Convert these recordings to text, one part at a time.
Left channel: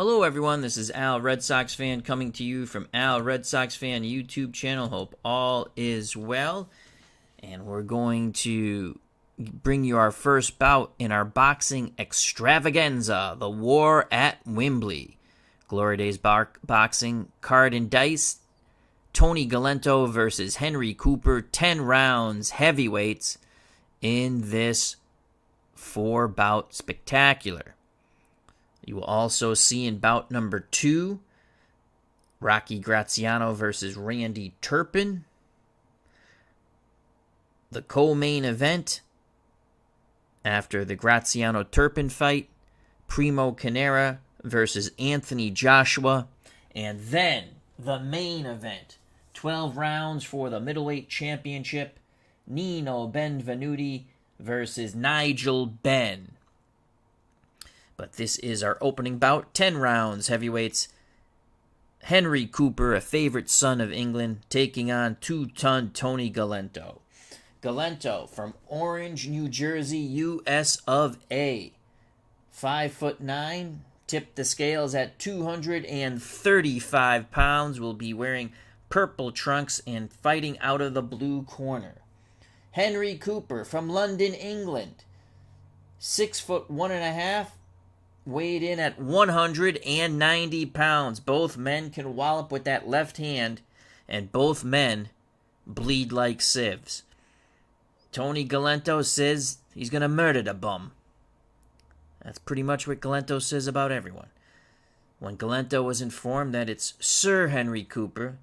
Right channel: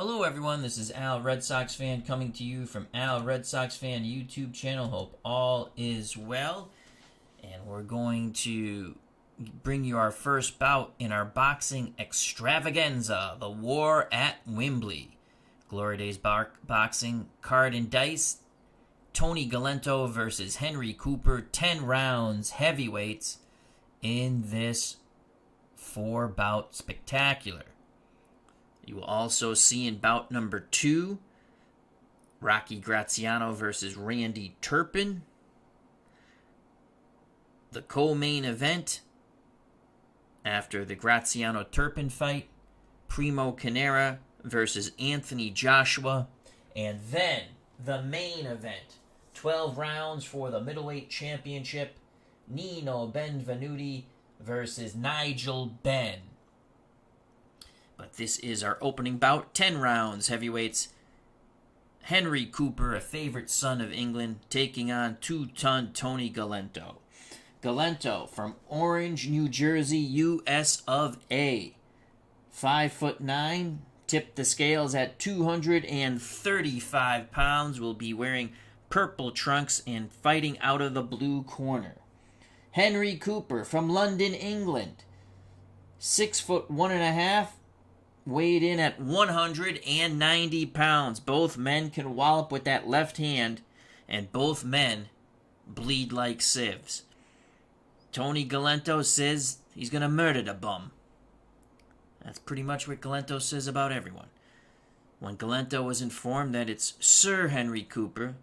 Hello everyone, this is Al Red Sox Fan coming to you from Al Red Sox Fan YouTube channel. Hope all is well. And we're going to bring you our first bout in our boxing extravaganza, the War at Wembley. Glory Days Boxing, Card and Dice, Tony Galento versus Henry Cooper, 10 rounds, heavyweights in this 4-bout spectacular. You will also see in bout number 2, Rocky Graziano versus Randy Turpin. The co-main event, after the Graziano-Turpin fight, Primo Carnera versus Anthony Joshua. And then, the main event, 12 rounds for the Middleweight Championship, Nino Benvenuti versus Nigel Benn. But this is our opening bout, 10 rounds, heavyweights. Henry Cooper, a favorite son of England, taking on 2-ton Tony Galento. Galento from Orange, New Jersey, U.S. of A. 5'9", tipped the scales at 235 pounds, will be wearing purple trunks and fighting out of the blue corner. Henry Cooper from London, England. 6'1.5", weighed in at 190 pounds. Both men can wallop with that left hand, and both men bleed like sieves. Tony Galento says he's going to murder the bum. That's pretty much what Galento says about everyone. When Galento was informed that it's Sir Henry Cooper,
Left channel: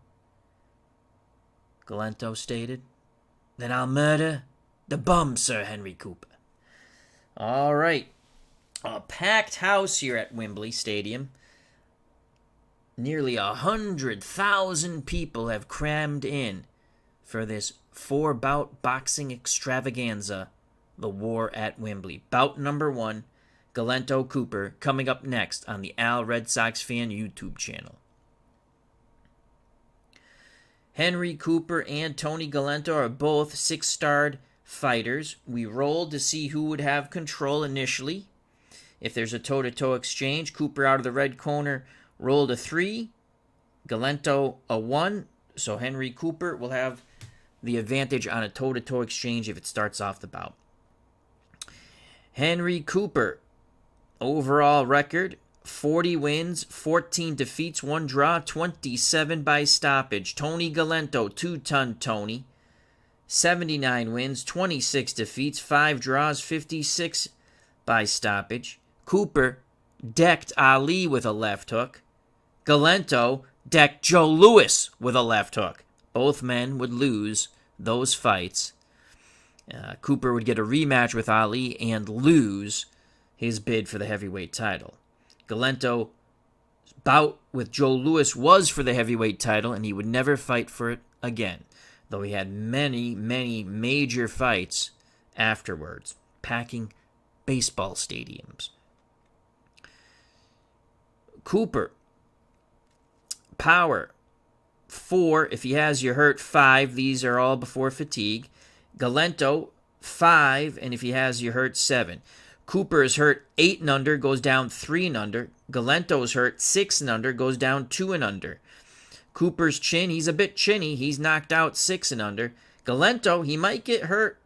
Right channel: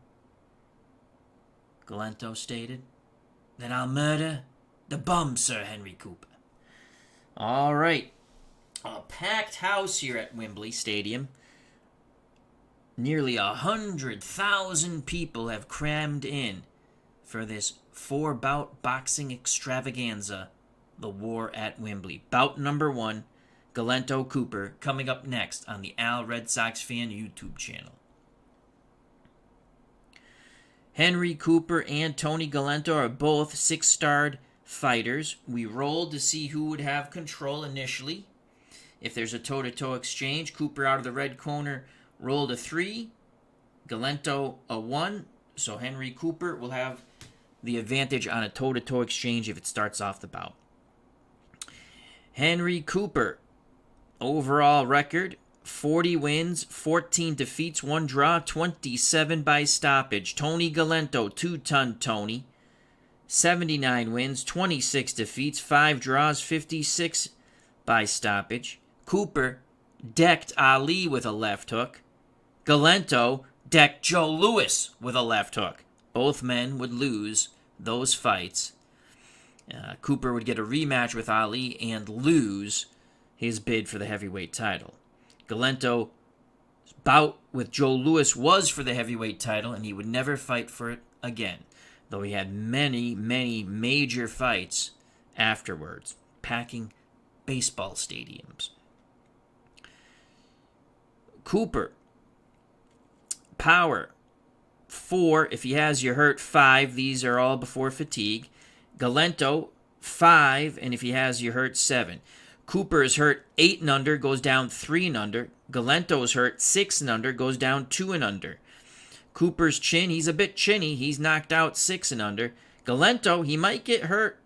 Galento stated, "Then I'll murder the bum, Sir Henry Cooper." All right. A packed house here at Wembley Stadium. Nearly 100,000 people have crammed in for this 4-bout boxing extravaganza, the War at Wembley. Bout number 1, Galento Cooper, coming up next on the Al Red Sox Fan YouTube channel. Henry Cooper and Tony Galento are both 6-starred fighters. We rolled to see who would have control initially. If there's a toe-to-toe exchange, Cooper out of the red corner rolled a 3, Galento a 1, so Henry Cooper will have the advantage on a toe-to-toe exchange if it starts off the bout. Henry Cooper, overall record, 40 wins, 14 defeats, 1 draw, 27 by stoppage. Tony Galento, 2-ton Tony, 79 wins, 26 defeats, 5 draws, 56 by stoppage. Cooper decked Ali with a left hook. Galento decked Joe Louis with a left hook. Both men would lose those fights. Cooper would get a rematch with Ali and lose his bid for the heavyweight title. Galento's bout with Joe Louis was for the heavyweight title, and he would never fight for it again, though he had many, many major fights afterwards, packing baseball stadiums. Cooper, power, 4 if he has you hurt, 5. These are all before fatigue. Galento, 5, and if he has you hurt, 7. Cooper is hurt 8 and under, goes down 3 and under. Galento is hurt 6 and under, goes down 2 and under. Cooper's chin, he's a bit chinny. He's knocked out 6 and under. Galento, he might get hurt,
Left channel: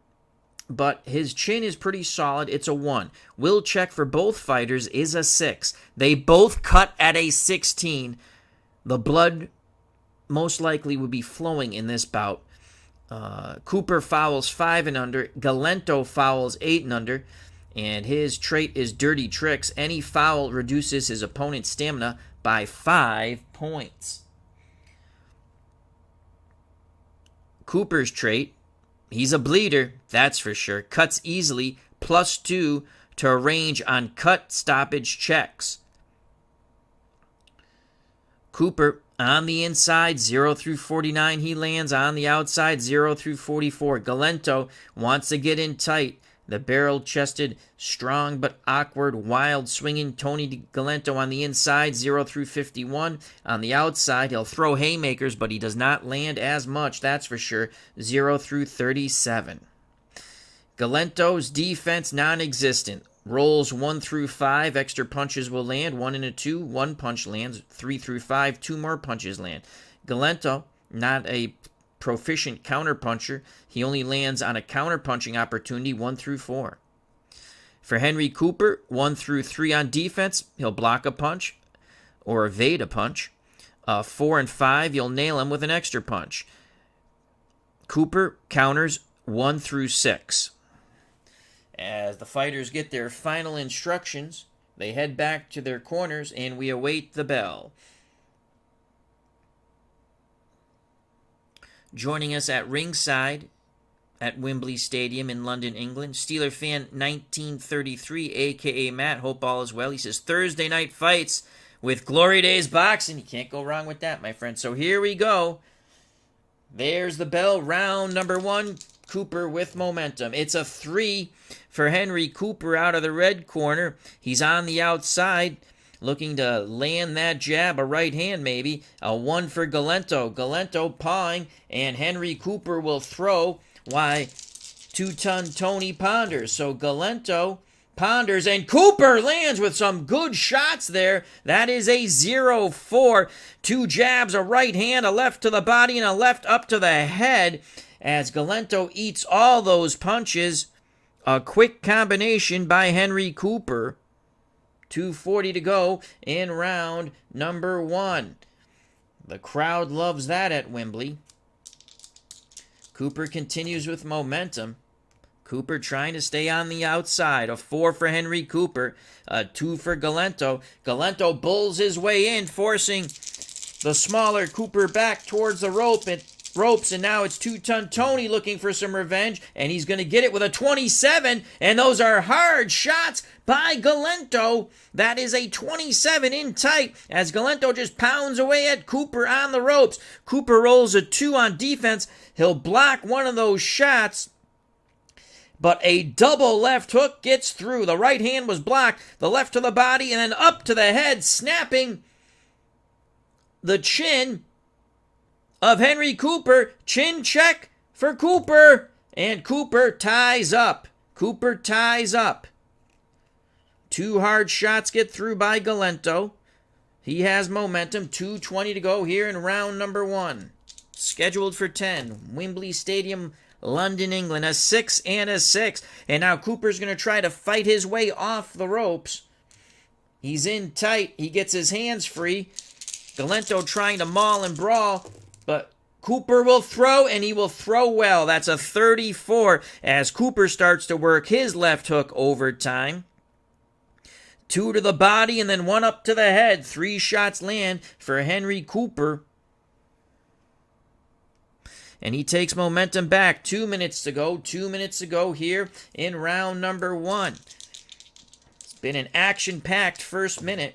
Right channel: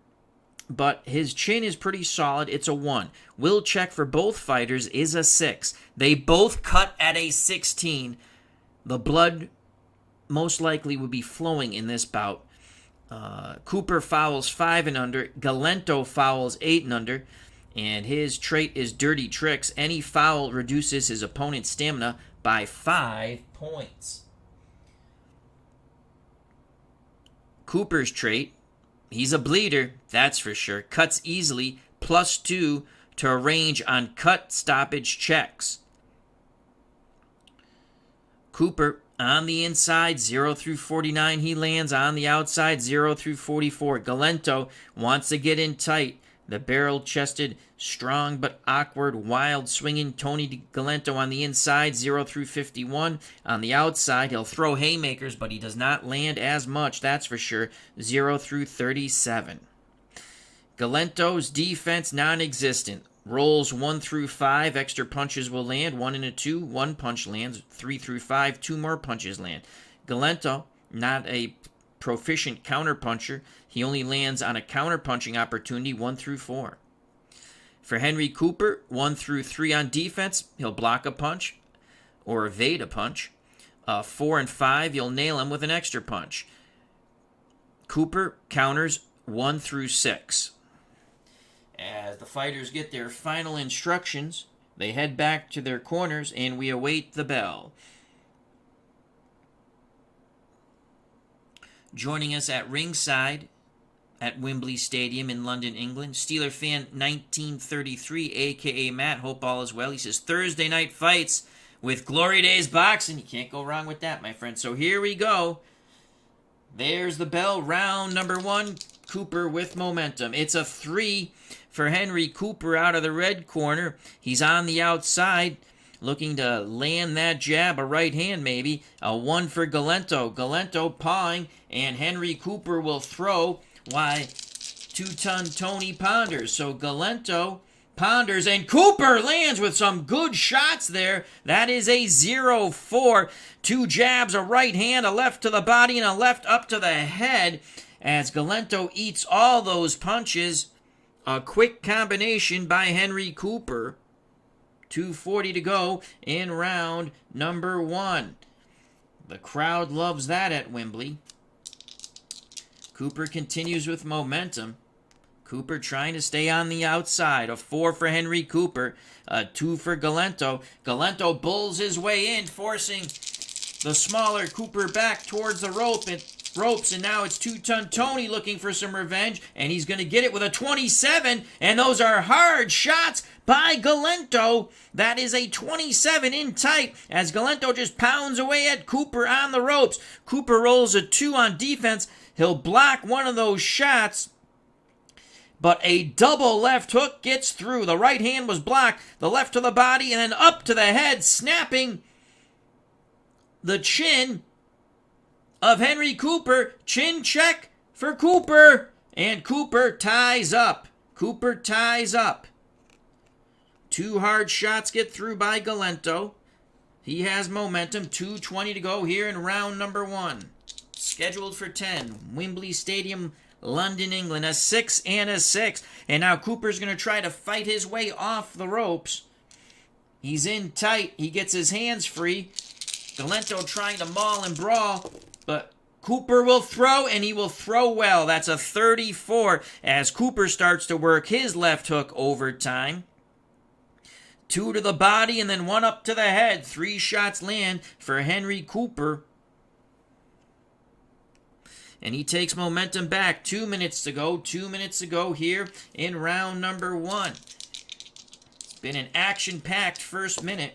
but his chin is pretty solid. It's a 1. Will check for both fighters is a 6. They both cut at a 16. The blood most likely would be flowing in this bout. Cooper fouls 5 and under. Galento fouls 8 and under. And his trait is dirty tricks. Any foul reduces his opponent's stamina by 5 points. Cooper's trait, he's a bleeder, that's for sure. Cuts easily, +2 to a range on cut stoppage checks. Cooper, on the inside, 0 through 49, he lands. On the outside, 0 through 44. Galento wants to get in tight. The barrel-chested, strong but awkward, wild-swinging Tony Galento on the inside, 0 through 51. On the outside, he'll throw haymakers, but he does not land as much, that's for sure, 0 through 37. Galento's defense non-existent. Rolls 1 through 5, extra punches will land. 1 and a 2, 1 punch lands. 3 through 5, 2 more punches land. Galento, not a proficient counterpuncher. He only lands on a counterpunching opportunity 1 through 4. For Henry Cooper, 1 through 3 on defense, he'll block a punch or evade a punch. 4 and 5, you'll nail him with an extra punch. Cooper counters 1 through 6. As the fighters get their final instructions, they head back to their corners and we await the bell. Joining us at ringside at Wembley Stadium in London, England, Steeler fan 1933, a.k.a. Matt. Hope all is well. He says, Thursday night fights with Glory Days Boxing. You can't go wrong with that, my friend. So here we go. There's the bell. Round number 1. Cooper with momentum. It's a 3 for Henry Cooper out of the red corner. He's on the outside, looking to land that jab, a right hand maybe. A 1 for Galento. Galento pawing, and Henry Cooper will throw. Why, 2-ton Tony ponders. So Galento ponders, and Cooper lands with some good shots there. That is a 0-4. 2 jabs, a right hand, a left to the body, and a left up to the head. As Galento eats all those punches. A quick combination by Henry Cooper. 2:40 to go in round number 1. The crowd loves that at Wembley. Cooper continues with momentum. Cooper trying to stay on the outside. A 4 for Henry Cooper. A 2 for Galento. Galento bulls his way in, forcing the smaller Cooper back towards the ropes, and now it's 2-ton Tony looking for some revenge, and he's going to get it with a 27, and those are hard shots by Galento. That is a 27 in tight, as Galento just pounds away at Cooper on the ropes. Cooper rolls a 2 on defense. He'll block one of those shots, but a double left hook gets through. The right hand was blocked, the left to the body, and then up to the head, snapping the chin of Henry Cooper. Chin check for Cooper, and Cooper ties up. Cooper ties up. 2 hard shots get through by Galento. He has momentum. 2:20 to go here in round number 1. Scheduled for 10. Wembley Stadium, London, England. A 6 and a 6. And now Cooper's going to try to fight his way off the ropes. He's in tight. He gets his hands free. Galento trying to maul and brawl. But Cooper will throw, and he will throw well. That's a 34 as Cooper starts to work his left hook overtime. 2 to the body and then 1 up to the head. 3 shots land for Henry Cooper. And he takes momentum back. 2 minutes to go. 2 minutes to go here in round number 1. It's been an action-packed first minute.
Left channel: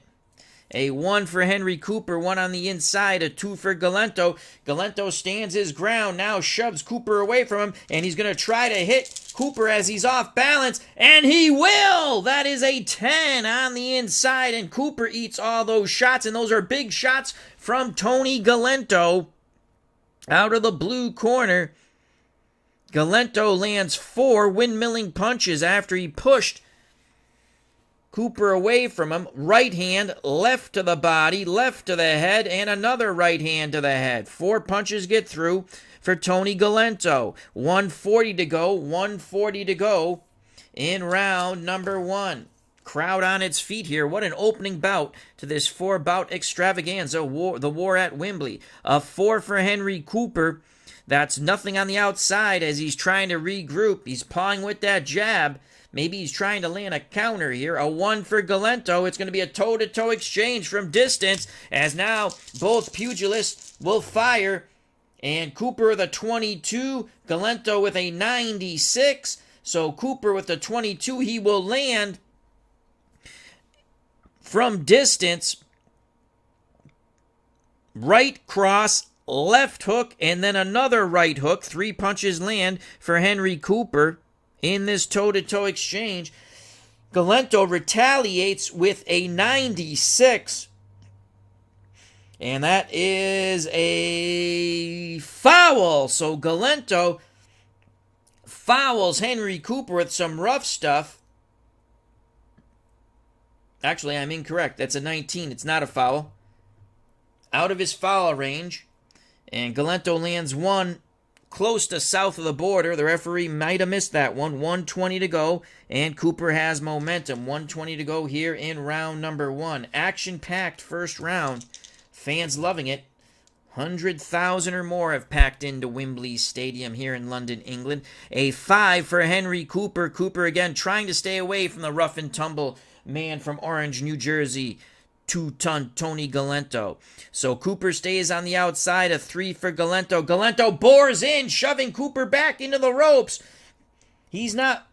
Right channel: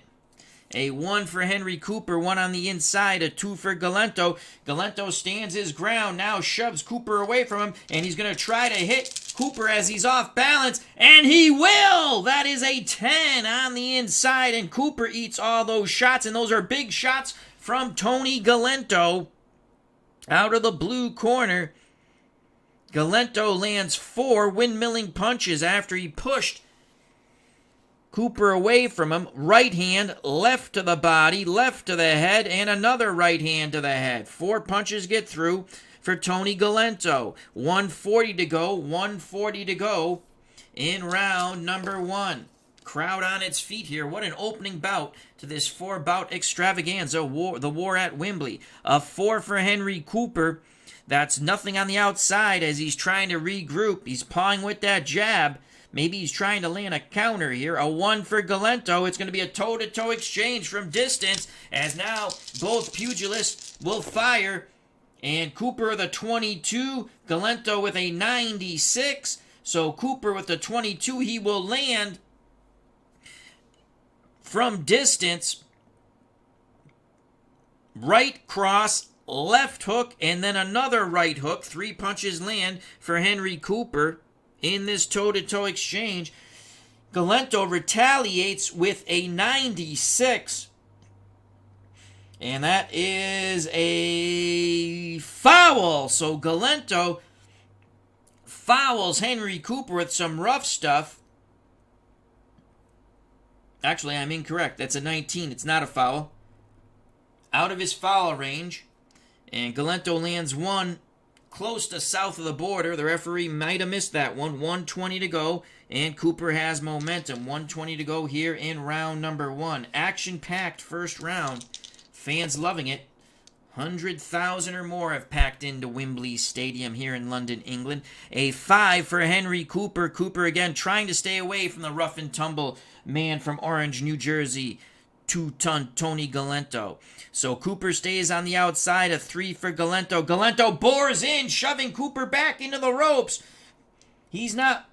A 1 for Henry Cooper, 1 on the inside, a 2 for Galento. Galento stands his ground, now shoves Cooper away from him, and he's going to try to hit Cooper as he's off balance, and he will! That is a 10 on the inside, and Cooper eats all those shots, and those are big shots from Tony Galento. Out of the blue corner, Galento lands 4 windmilling punches after he pushed Cooper away from him. Right hand, left to the body, left to the head, and another right hand to the head. 4 punches get through for Tony Galento. 1:40 to go, 1:40 to go in round number 1. Crowd on its feet here. What an opening bout to this 4-bout extravaganza, the war at Wembley. A 4 for Henry Cooper. That's nothing on the outside as he's trying to regroup. He's pawing with that jab. Maybe he's trying to land a counter here. A 1 for Galento. It's going to be a toe-to-toe exchange from distance as now both pugilists will fire. And Cooper with a 22, Galento with a 96. So Cooper with the 22, he will land from distance. Right cross, left hook, and then another right hook. 3 punches land for Henry Cooper in this toe-to-toe exchange. Galento retaliates with a 96. And that is a foul. So Galento fouls Henry Cooper with some rough stuff. Actually, I'm incorrect. That's a 19. It's not a foul. Out of his foul range. And Galento lands one close to south of the border. The referee might have missed that one. 1:20 to go. And Cooper has momentum. 1:20 to go here in round number 1. Action-packed first round. Fans loving it. 100,000 or more have packed into Wembley Stadium here in London, England. A 5 for Henry Cooper. Cooper again trying to stay away from the rough and tumble man from Orange, New Jersey. 2-ton Tony Galento. So Cooper stays on the outside. A 3 for Galento. Galento bores in, shoving Cooper back into the ropes. He's not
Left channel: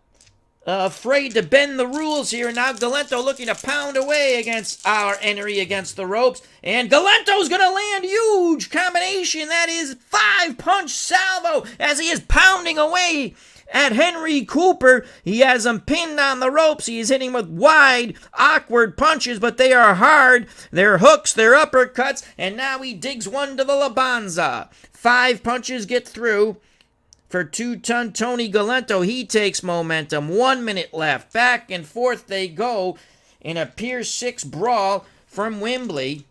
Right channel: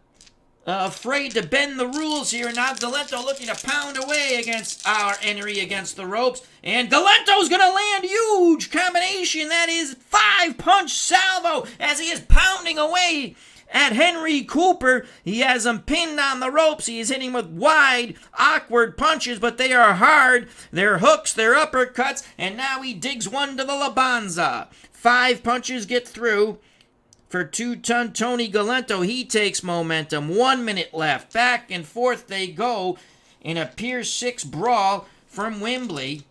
afraid to bend the rules here. Now Galento looking to pound away against our Henry against the ropes. And Galento's going to land huge combination. That is 5-punch salvo as he is pounding away at Henry Cooper. He has him pinned on the ropes. He is hitting with wide, awkward punches, but they are hard. They're hooks, they're uppercuts, and now he digs one to the Labanza. 5 punches get through for 2-ton Tony Galento. He takes momentum. 1 minute left. Back and forth they go in a Pier 6 brawl from Wembley.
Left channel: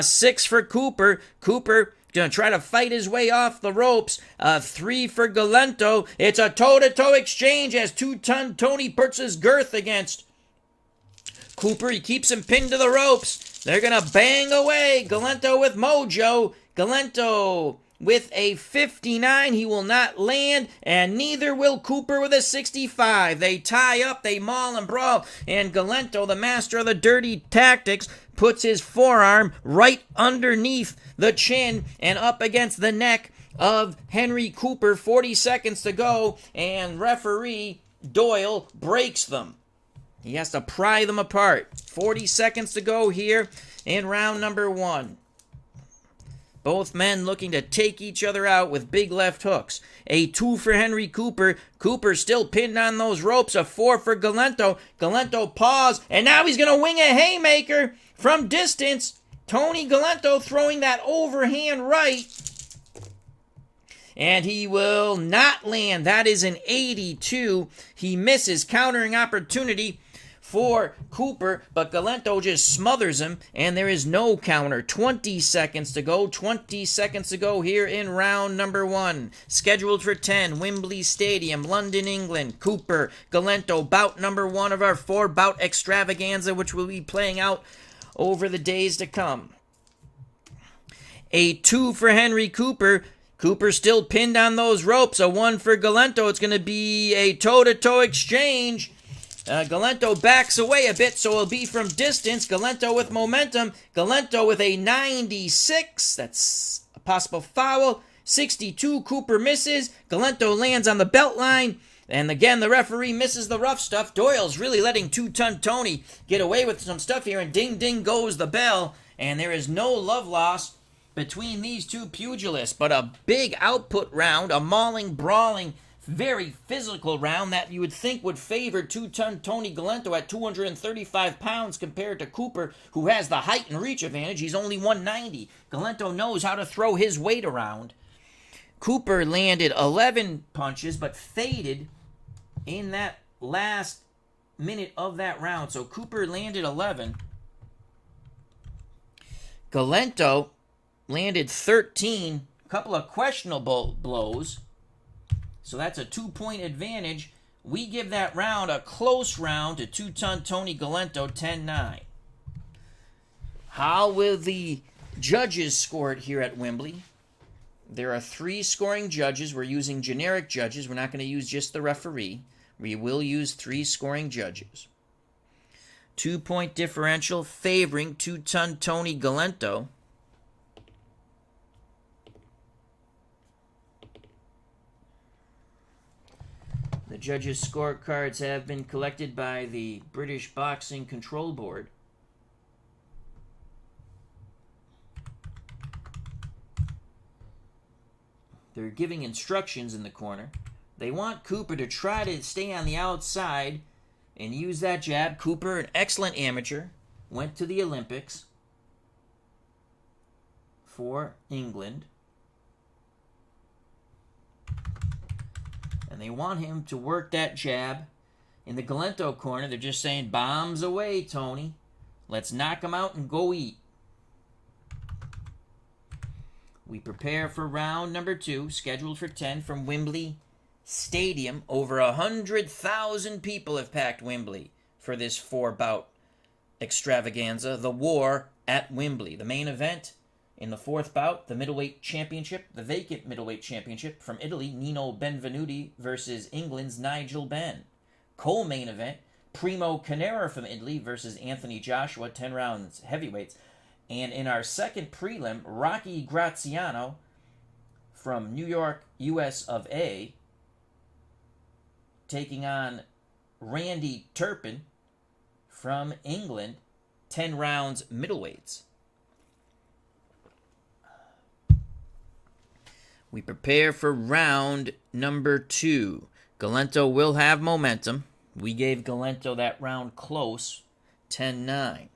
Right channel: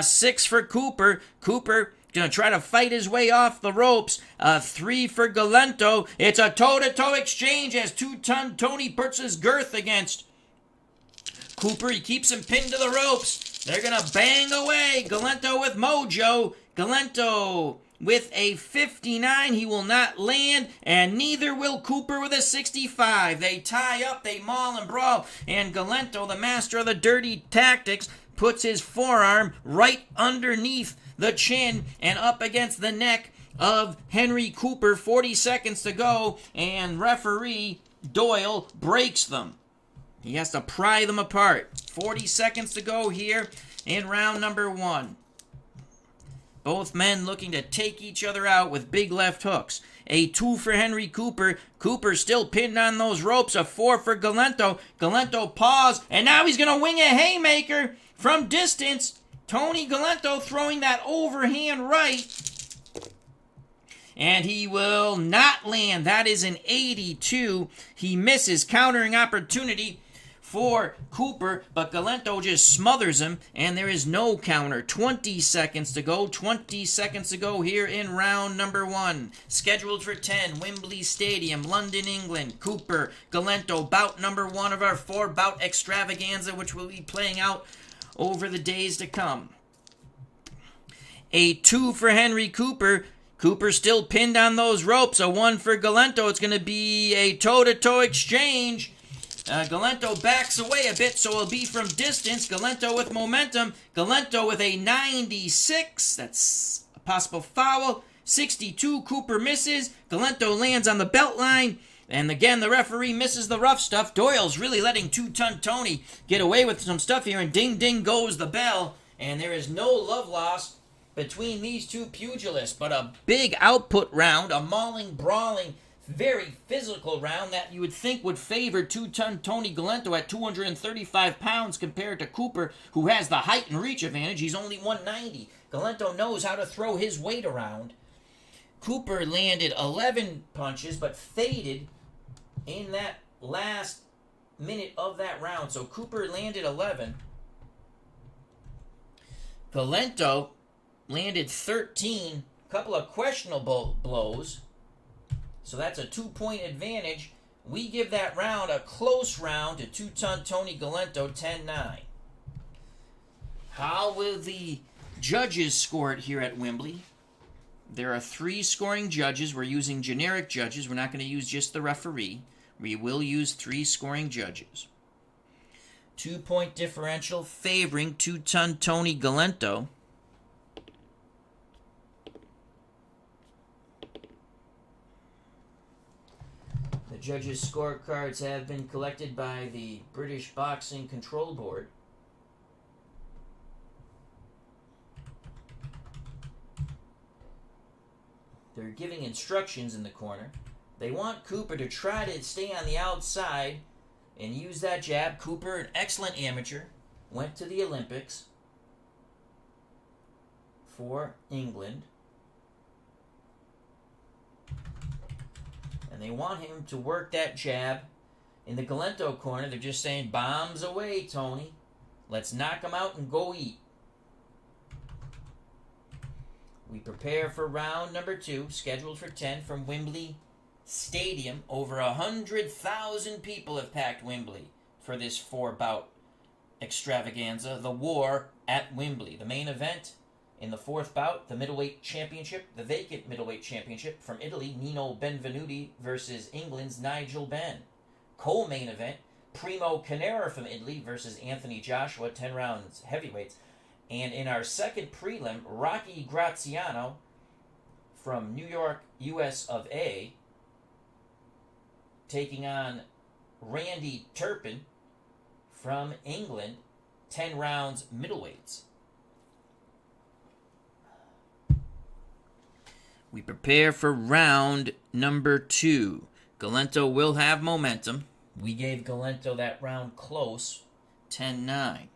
6 for Cooper. Cooper going to try to fight his way off the ropes. 3 for Galento. It's a toe-to-toe exchange as 2-ton Tony puts his girth against Cooper. He keeps him pinned to the ropes. They're going to bang away. Galento with mojo. Galento with a 59. He will not land, and neither will Cooper with a 65. They tie up, they maul and brawl, and Galento, the master of the dirty tactics, puts his forearm right underneath the chin and up against the neck of Henry Cooper. 40 seconds to go, and referee Doyle breaks them. He has to pry them apart. 40 seconds to go here in round number 1. Both men looking to take each other out with big left hooks. A 2 for Henry Cooper. Cooper still pinned on those ropes. A 4 for Galento. Galento paused, and now he's going to wing a haymaker from distance. Tony Galento throwing that overhand right. And he will not land. That is an 82. He misses. Countering opportunity for Cooper, but Galento just smothers him, and there is no counter. 20 seconds to go. 20 seconds to go here in round number 1. Scheduled for 10, Wembley Stadium, London, England. Cooper, Galento, bout number 1 of our 4-bout extravaganza, which will be playing out over the days to come. A 2 for Henry Cooper. Cooper still pinned on those ropes. A 1 for Galento. It's going to be a toe-to-toe exchange. Galento backs away a bit, so it'll be from distance. Galento with momentum. Galento with a 96. That's a possible foul. 62. Cooper misses. Galento lands on the belt line. And again, the referee misses the rough stuff. Doyle's really letting 2-ton Tony get away with some stuff here. And ding, ding goes the bell. And there is no love lost between these two pugilists. But a big output round. A mauling, brawling, very physical round that you would think would favor 2-ton Tony Galento at 235 pounds compared to Cooper, who has the height and reach advantage. He's only 190. Galento knows how to throw his weight around. Cooper landed 11 punches, but faded in that last minute of that round. So Cooper landed 11. Galento landed 13. A couple of questionable blows. So that's a 2-point advantage. We give that round a close round to 2-ton Tony Galento, 10-9. How will the judges score it here at Wembley? There are 3 scoring judges. We're using generic judges. We're not going to use just the referee. We will use 3 scoring judges. 2-point differential favoring 2-ton Tony Galento. The judges' scorecards have been collected by the British Boxing Control Board. They're giving instructions in the corner. They want Cooper to try to stay on the outside and use that jab. Cooper, an excellent amateur, went to the Olympics for England. And they want him to work that jab In the Galento corner, they're just saying, bombs away, Tony. Let's knock them out and go eat. We prepare for round number 2, scheduled for 10 from Wembley Stadium. Over 100,000 people have packed Wembley for this 4-bout extravaganza. The War at Wembley. The main event in the 4th bout, the Middleweight Championship, the vacant Middleweight Championship from Italy, Nino Benvenuti versus England's Nigel Benn. Co-main event, Primo Carnera from Italy versus Anthony Joshua, 10 rounds heavyweights. And in our second prelim, Rocky Graziano from New York, US of A, taking on Randy Turpin from England, 10 rounds middleweights. We prepare for round number 2. Galento will have momentum. We gave Galento that round close, 10-9.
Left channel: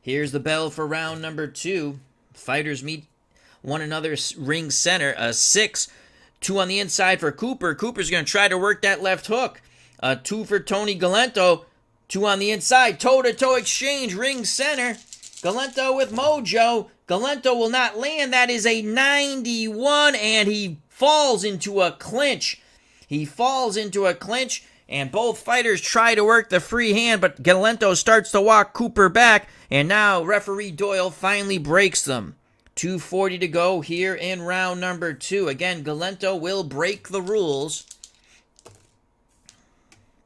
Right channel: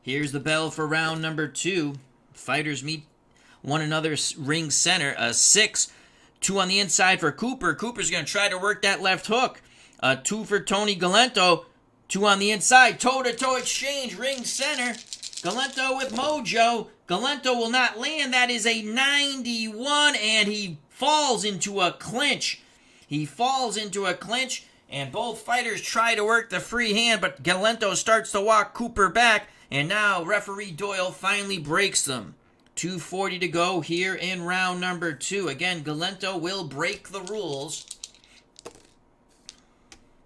Here's the bell for round number 2. Fighters meet one another ring center. A 6, 2 on the inside for Cooper. Cooper's going to try to work that left hook. A 2 for Tony Galento. 2 on the inside. Toe-to-toe exchange, ring center. Galento with mojo. Galento will not land. That is a 91, and he falls into a clinch. He falls into a clinch, and both fighters try to work the free hand, but Galento starts to walk Cooper back, and now referee Doyle finally breaks them. 2:40 to go here in round number 2. Again, Galento will break the rules.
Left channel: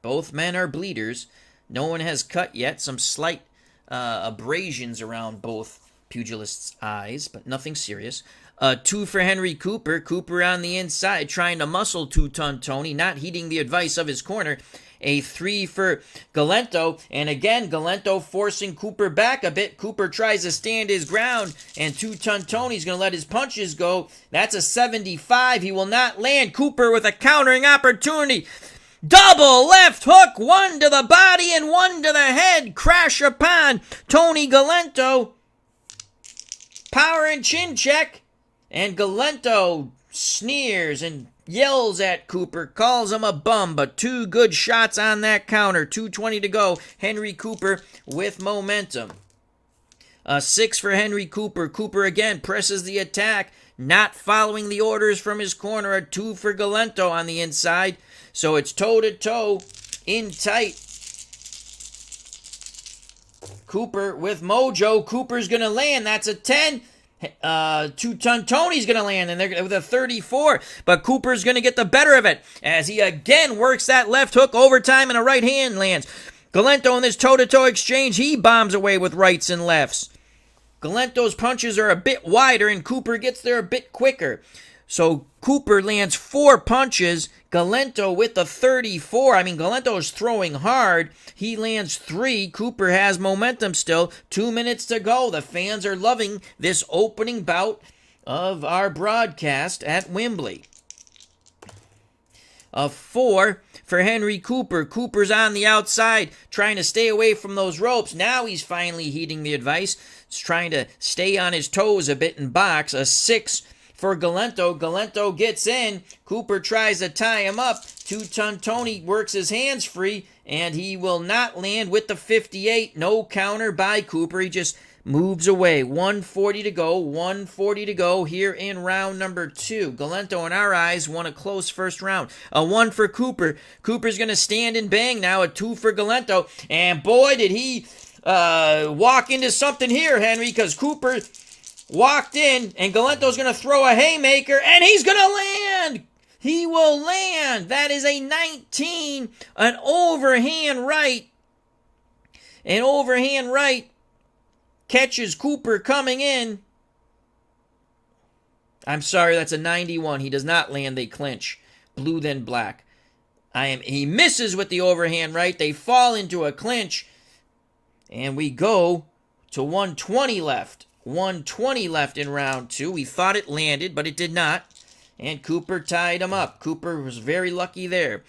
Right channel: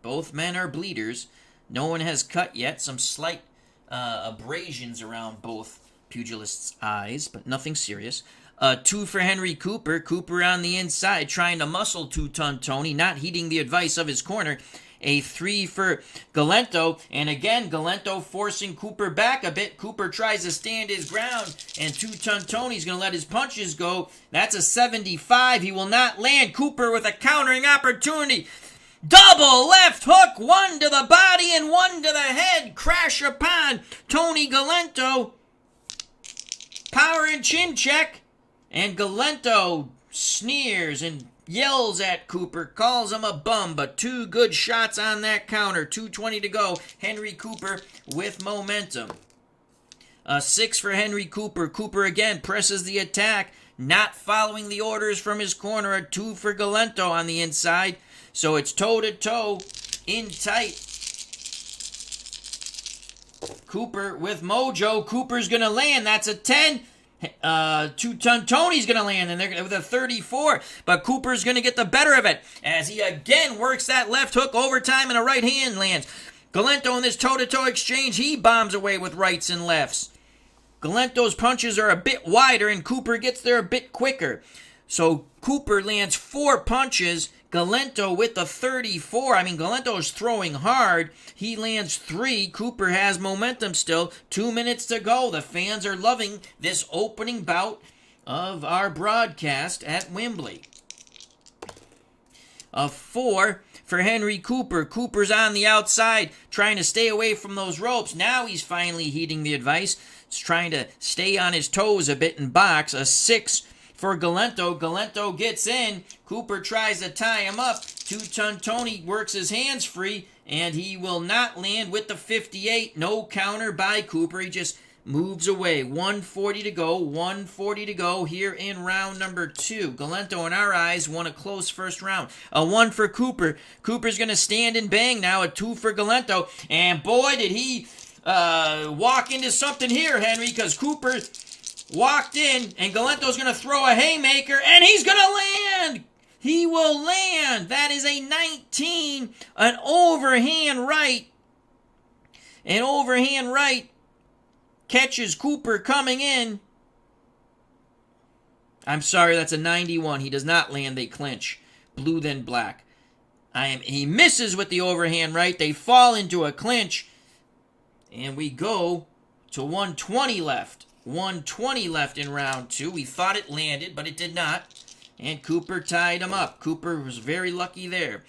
Both men are bleeders. No one has cut yet. Some slight abrasions around both pugilists' eyes, but nothing serious. 2 for Henry Cooper. Cooper on the inside, trying to muscle two-ton Tony, not heeding the advice of his corner. A 3 for Galento, and again, Galento forcing Cooper back a bit. Cooper tries to stand his ground, and two-ton Tony's going to let his punches go. That's a 75. He will not land. Cooper with a countering opportunity. Double left hook, 1 to the body and 1 to the head. Crash upon Tony Galento. Power and chin check. And Galento sneers and yells at Cooper, calls him a bum, but 2 good shots on that counter. 2:20 to go. Henry Cooper with momentum. A 6 for Henry Cooper. Cooper again presses the attack, not following the orders from his corner. A 2 for Galento on the inside. So it's toe-to-toe, in tight. Cooper with mojo. Cooper's going to land. That's a 10. Two-ton Tony's going to land, and they're with a 34. But Cooper's going to get the better of it as he again works that left hook overtime, and a right hand lands. Galento in this toe-to-toe exchange, he bombs away with rights and lefts. Galento's punches are a bit wider, and Cooper gets there a bit quicker. So Cooper lands 4 punches. Galento with the 34. I mean, Galento's throwing hard. He lands 3. Cooper has momentum still. 2 minutes to go. The fans are loving this opening bout of our broadcast at Wembley. A 4 for Henry Cooper. Cooper's on the outside, trying to stay away from those ropes. Now he's finally heeding the advice. He's trying to stay on his toes a bit and box. A 6 for Galento. Galento gets in. Cooper tries to tie him up. Two-ton Tony works his hands free, and he will not land with the 58. No counter by Cooper. He just moves away. 1:40 to go. 1:40 to go here in round number 2. Galento, in our eyes, won a close first round. A 1 for Cooper. Cooper's going to stand and bang now. A 2 for Galento. And boy, did he walk into something here, Henry, because Cooper walked in, and Galento's going to throw a haymaker, and he's going to land! He will land! That is a 19, an overhand right. An overhand right catches Cooper coming in. I'm sorry, that's a 91. He does not land, they clinch. Blue then black. He misses with the overhand right. They fall into a clinch, and we go to 120 left. 120 left in round 2. We thought it landed, but it did not. And Cooper tied him up. Cooper was very lucky there.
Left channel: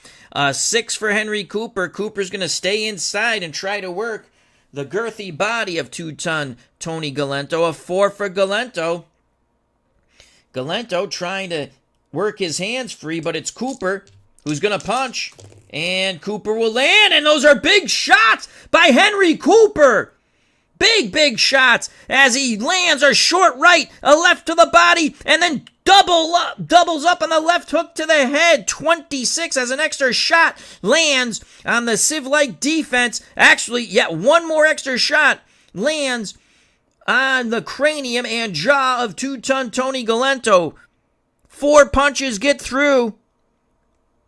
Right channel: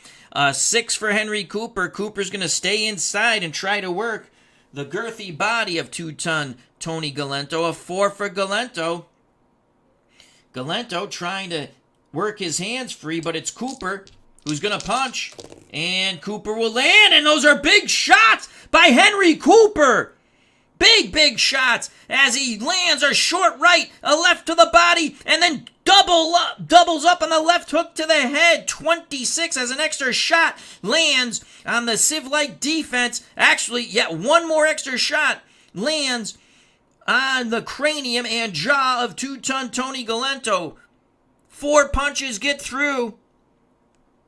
6 for Henry Cooper. Cooper's going to stay inside and try to work the girthy body of two-ton Tony Galento. A 4 for Galento. Galento trying to work his hands free, but it's Cooper who's going to punch. And Cooper will land, and those are big shots by Henry Cooper. Big shots as he lands a short right, a left to the body, and then doubles up on the left hook to the head. 26 as an extra shot lands on the Civ-like defense. Actually, yet one more extra shot lands on the cranium and jaw of two-ton Tony Galento. 4 punches get through.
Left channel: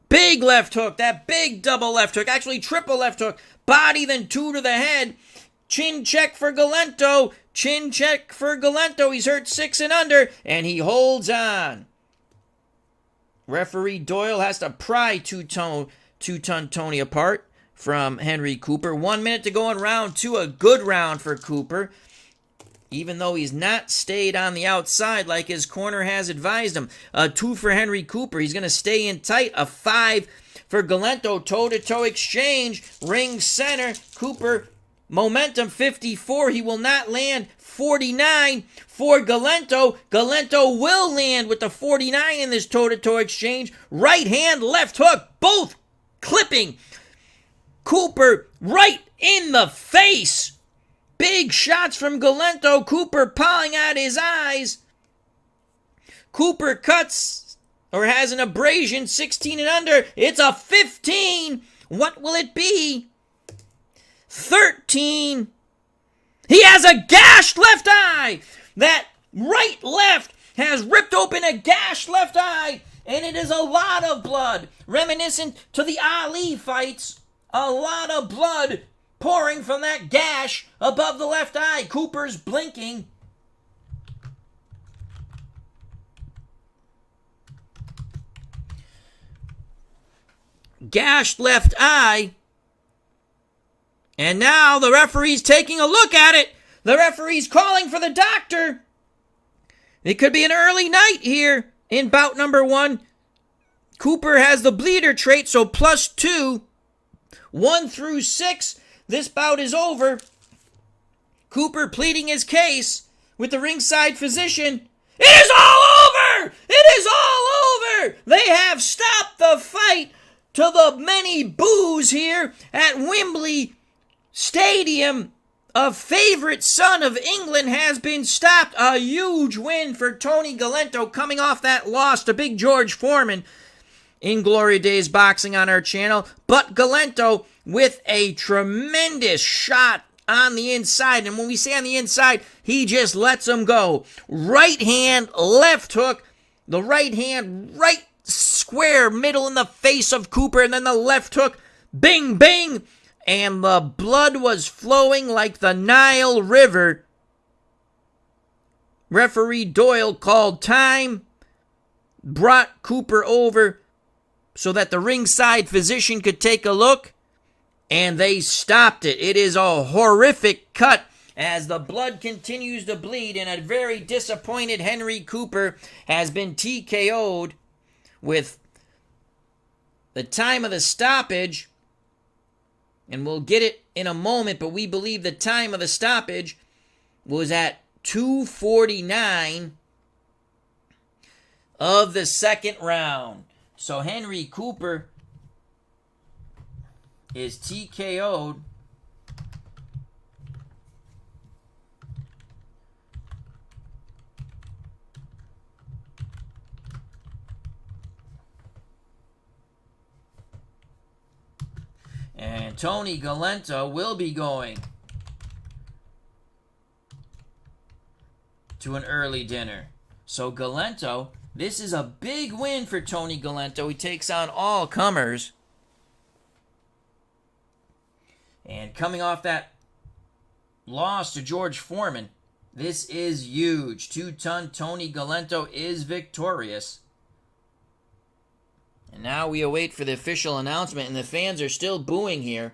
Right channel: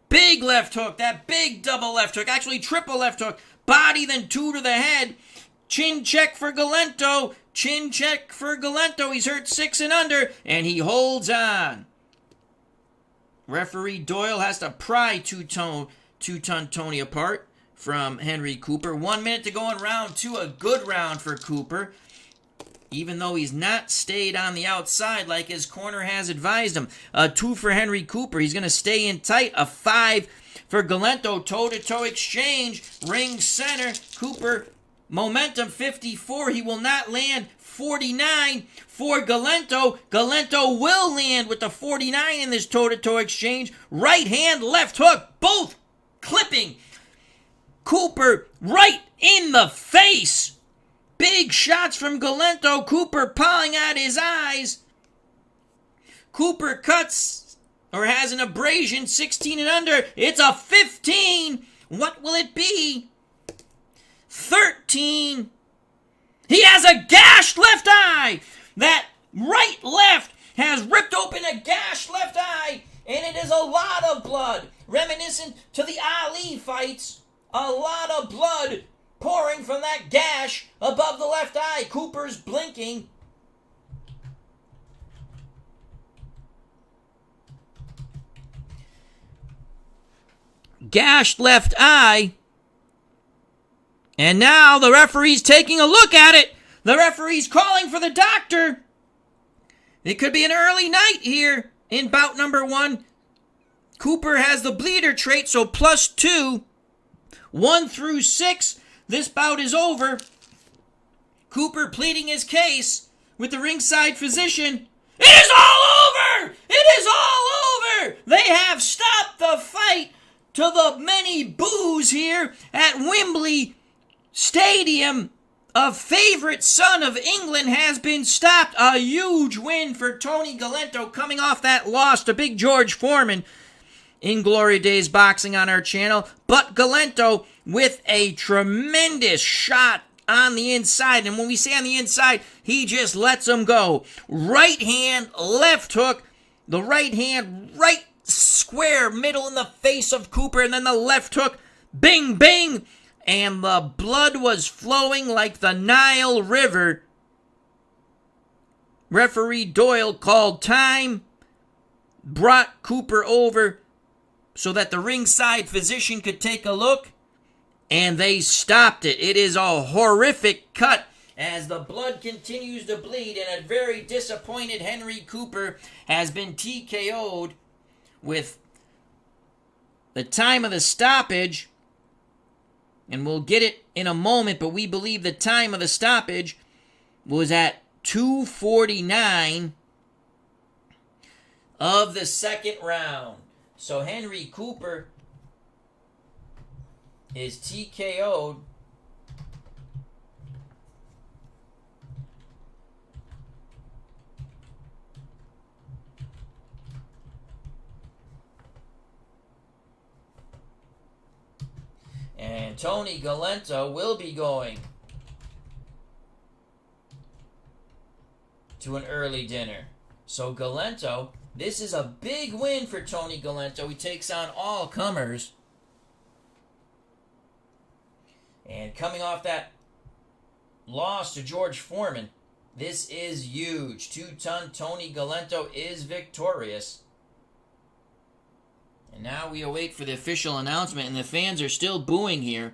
Big left hook, that big double left hook, actually triple left hook. Body, then 2 to the head. Chin check for Galento. Chin check for Galento. He's hurt 6 and under, and he holds on. Referee Doyle has to pry two-ton Tony apart from Henry Cooper. 1 minute to go in round 2. A good round for Cooper, even though he's not stayed on the outside like his corner has advised him. A 2 for Henry Cooper. He's going to stay in tight. A 5 for Galento. Toe-to-toe exchange. Ring center. Cooper, momentum 54. He will not land. 49 for Galento. Galento will land with the 49 in this toe-to-toe exchange. Right hand, left hook. Both clipping Cooper right in the face. Big shots from Galento. Cooper pawing at his eyes. Cooper cuts or has an abrasion, 16 and under. It's a 15. What will it be? 13. He has a gashed left eye. That right left has ripped open a gashed left eye, and it is a lot of blood. Reminiscent to the Ali fights. A lot of blood pouring from that gash above the left eye. Cooper's blinking. Gashed left eye. And now the referee's taking a look at it. The referee's calling for the doctor. It could be an early night here in bout number 1. Cooper has the bleeder trait, so +2. 1 through 6. This bout is over. Cooper pleading his case with the ringside physician. It is all over! It is all over! They have stopped the fight to the many boos here at Wembley Stadium. A favorite son of England has been stopped. A huge win for Tony Galento coming off that loss to Big George Foreman in Glory Days Boxing on our channel. But Galento with a tremendous shot on the inside. And when we say on the inside, he just lets him go. Right hand, left hook. The right hand, right square middle in the face of Cooper. And then the left hook, bing, bing. And the blood was flowing like the Nile River. Referee Doyle called time, brought Cooper over so that the ringside physician could take a look, and they stopped it. It is a horrific cut as the blood continues to bleed, and a very disappointed Henry Cooper has been TKO'd with the time of the stoppage. And we'll get it in a moment, but we believe the time of the stoppage was at 2:49 of the second round. So Henry Cooper is TKO'd. And Tony Galento will be going to an early dinner. So Galento, this is a big win for Tony Galento. He takes on all comers. And coming off that loss to George Foreman, this is huge. 2-ton Tony Galento is victorious. Now we await for the official announcement, and the fans are still booing here.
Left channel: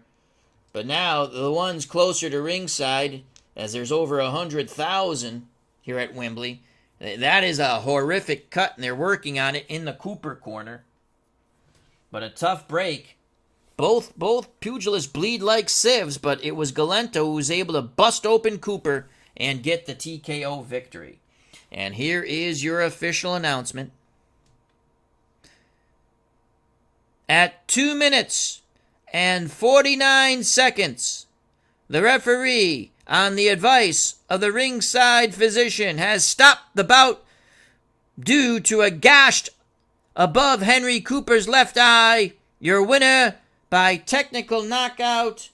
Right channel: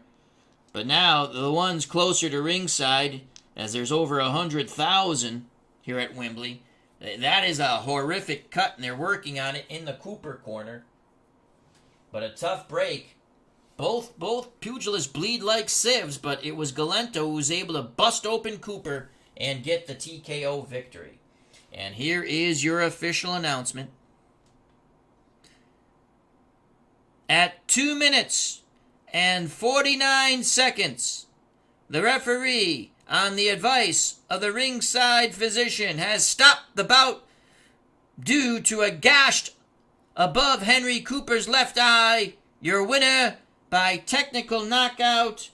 But now, the ones closer to ringside, as there's over 100,000 here at Wembley, that is a horrific cut, and they're working on it in the Cooper corner. But a tough break. Both pugilists bleed like sieves, but it was Galento who was able to bust open Cooper and get the TKO victory. And here is your official announcement. At 2 minutes and 49 seconds, the referee, on the advice of the ringside physician, has stopped the bout due to a gash above Henry Cooper's left eye. Your winner by technical knockout,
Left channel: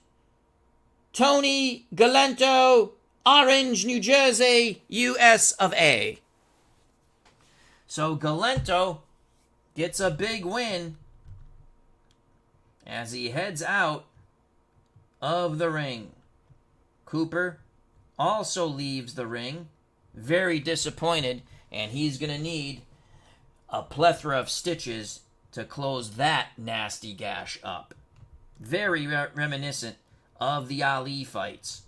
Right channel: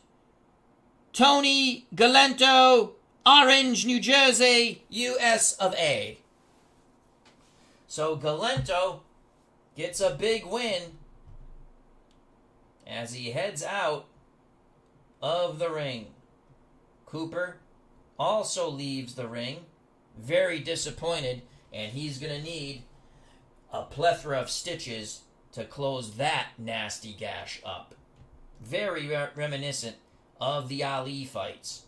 Tony Galento, Orange, New Jersey, US of A. So Galento gets a big win as he heads out of the ring. Cooper also leaves the ring, very disappointed, and he's going to need a plethora of stitches to close that nasty gash up. Very reminiscent of the Ali fights.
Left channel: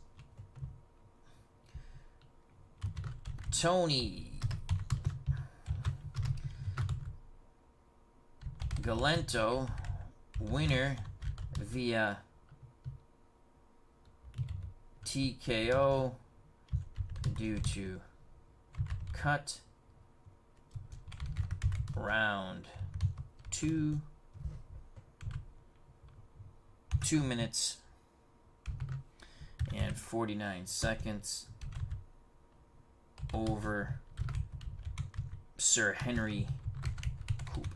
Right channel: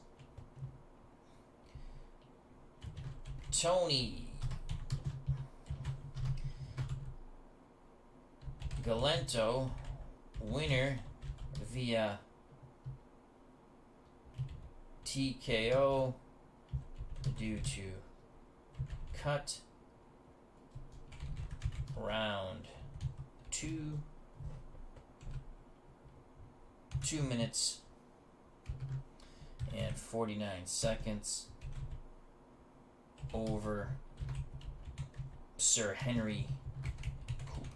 Tony Galento, winner via TKO due to cut, round 2, 2 minutes and 49 seconds over Sir Henry Cooper.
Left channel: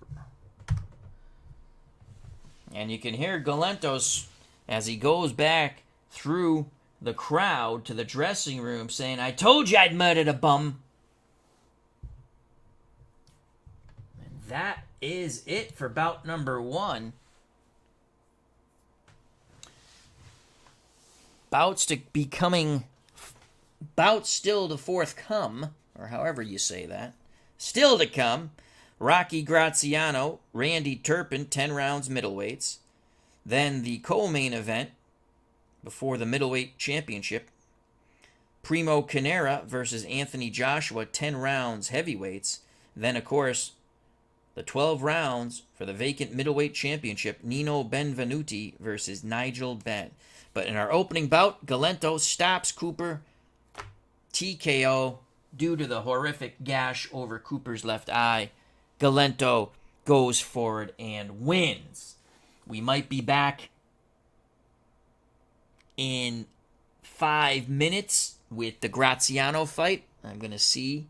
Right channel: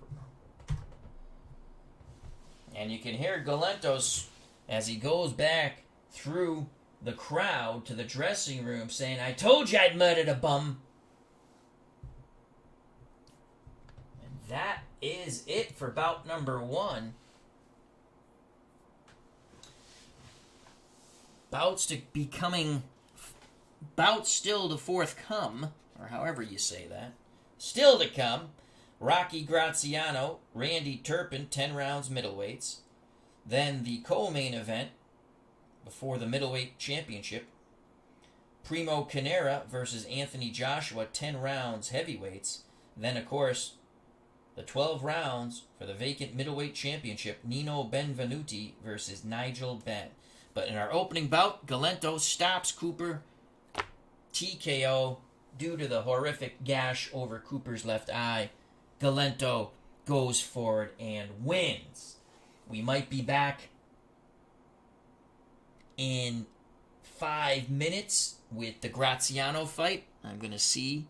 And you can hear Galentos as he goes back through the crowd to the dressing room saying, "I told you I'd murdered a bum." And that is it for bout number 1. Bouts still to forthcome, or however you say that. Still to come, Rocky Graziano, Randy Turpin, 10 rounds middleweights. Then the co-main event before the middleweight championship, Primo Carnera versus Anthony Joshua, 10 rounds heavyweights. Then, of course, the 12 rounds for the vacant middleweight championship, Nino Benvenuti versus Nigel Benn. But in our opening bout, Galento stops Cooper, TKO, due to the horrific gash over Cooper's left eye. Galento goes forward and wins. We might be back in 5 minutes with the Graziano fight. I'm going to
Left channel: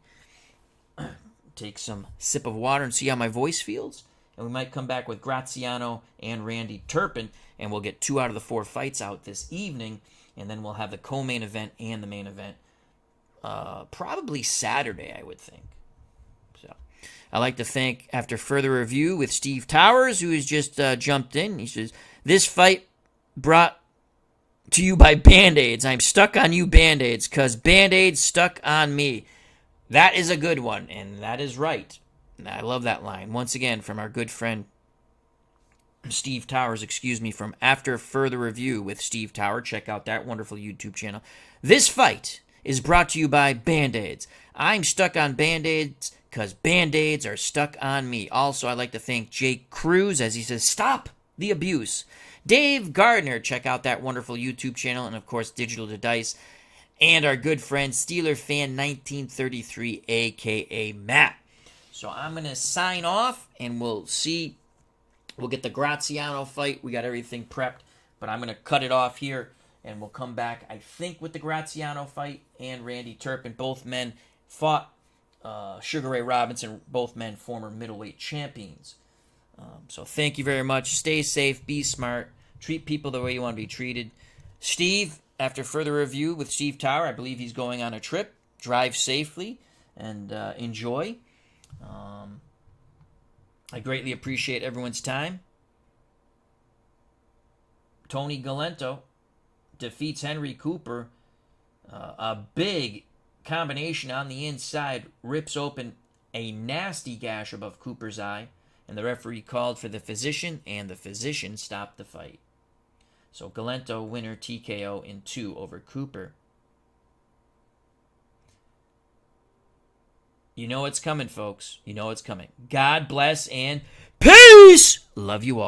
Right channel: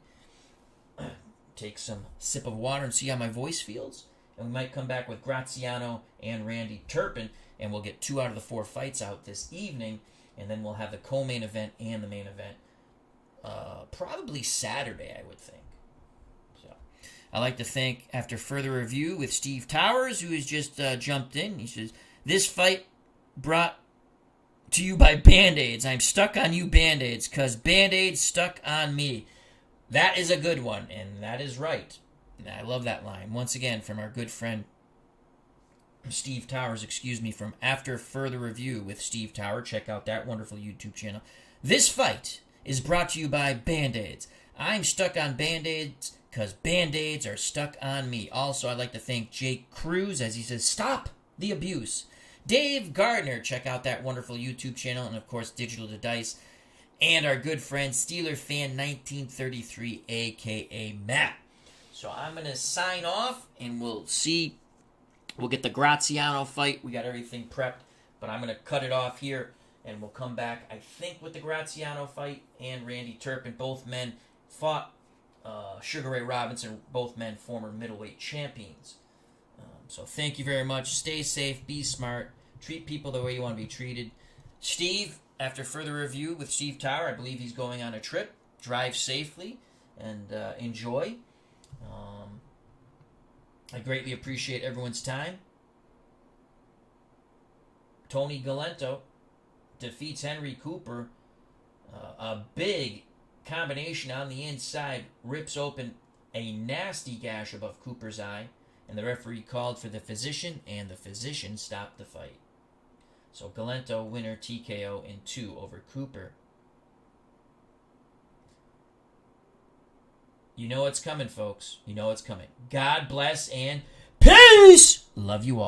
take some sip of water and see how my voice feels. And we might come back with Graziano and Randy Turpin, and we'll get 2 out of the 4 fights out this evening, and then we'll have the co-main event and the main event probably Saturday, I would think. So I'd like to thank, after further review with Steve Towers, who has just jumped in. He says, "This fight brought to you by Band-Aids. I'm stuck on you, Band-Aids, because Band-Aids stuck on me." That is a good one, and that is right. I love that line. Once again, from our good friend Steve Towers, from After Further Review with Steve Tower. Check out that wonderful YouTube channel. This fight is brought to you by Band-Aids. I'm stuck on Band-Aids because Band-Aids are stuck on me. Also, I'd like to thank Jake Cruz, as he says, "Stop the abuse." Dave Gardner, check out that wonderful YouTube channel, and of course, Digital to Dice. And our good friend, Steeler Fan 1933, a.k.a. Matt. So I'm going to sign off, and we'll get the Graziano fight. We got everything prepped, but I'm going to cut it off here, and we'll come back, I think, with the Graziano fight and Randy Turpin. Both men fought Sugar Ray Robinson, both men former middleweight champions. So thank you very much. Stay safe, be smart, treat people the way you want to be treated. Steve, after further review with Steve Tower, I believe he's going on a trip. Drive safely and enjoy. I greatly appreciate everyone's time. Tony Galento defeats Henry Cooper. A big combination on the inside rips open a nasty gash above Cooper's eye, and the referee called for the physician, and the physician stopped the fight. So Galento winner TKO in 2 over Cooper. You know it's coming, folks. You know it's coming. God bless and peace! Love you all.